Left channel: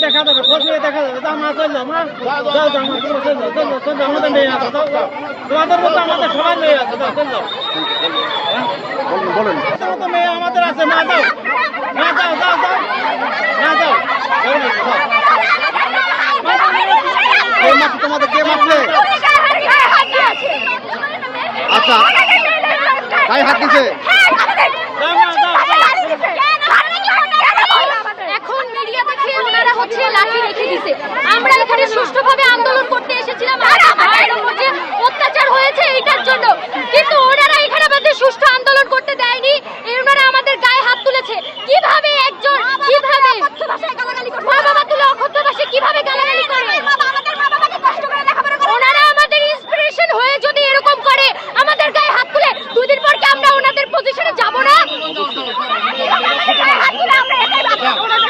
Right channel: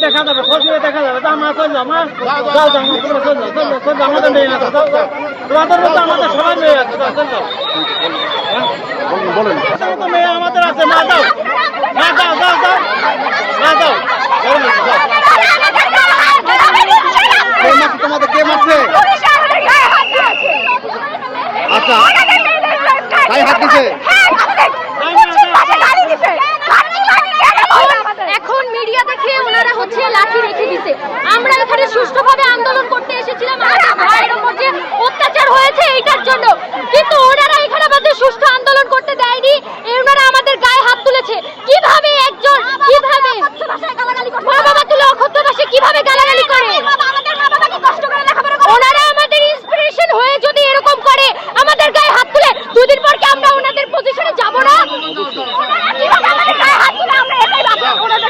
দেখা যাবে দেখা যাবে যা মা চল যাও মা যাও চল চল চল আমাদের মেয়ে আছে তোমাদের মতো আমাদের সবার মেয়ে আছে চল বলেন মতো মেয়ে আমাদের আছে মা যাও মা যাও যাও যাও মা যাও তোমাদের কে মারছে আচ্ছা। গায়ে হাত দিছে। Orang 来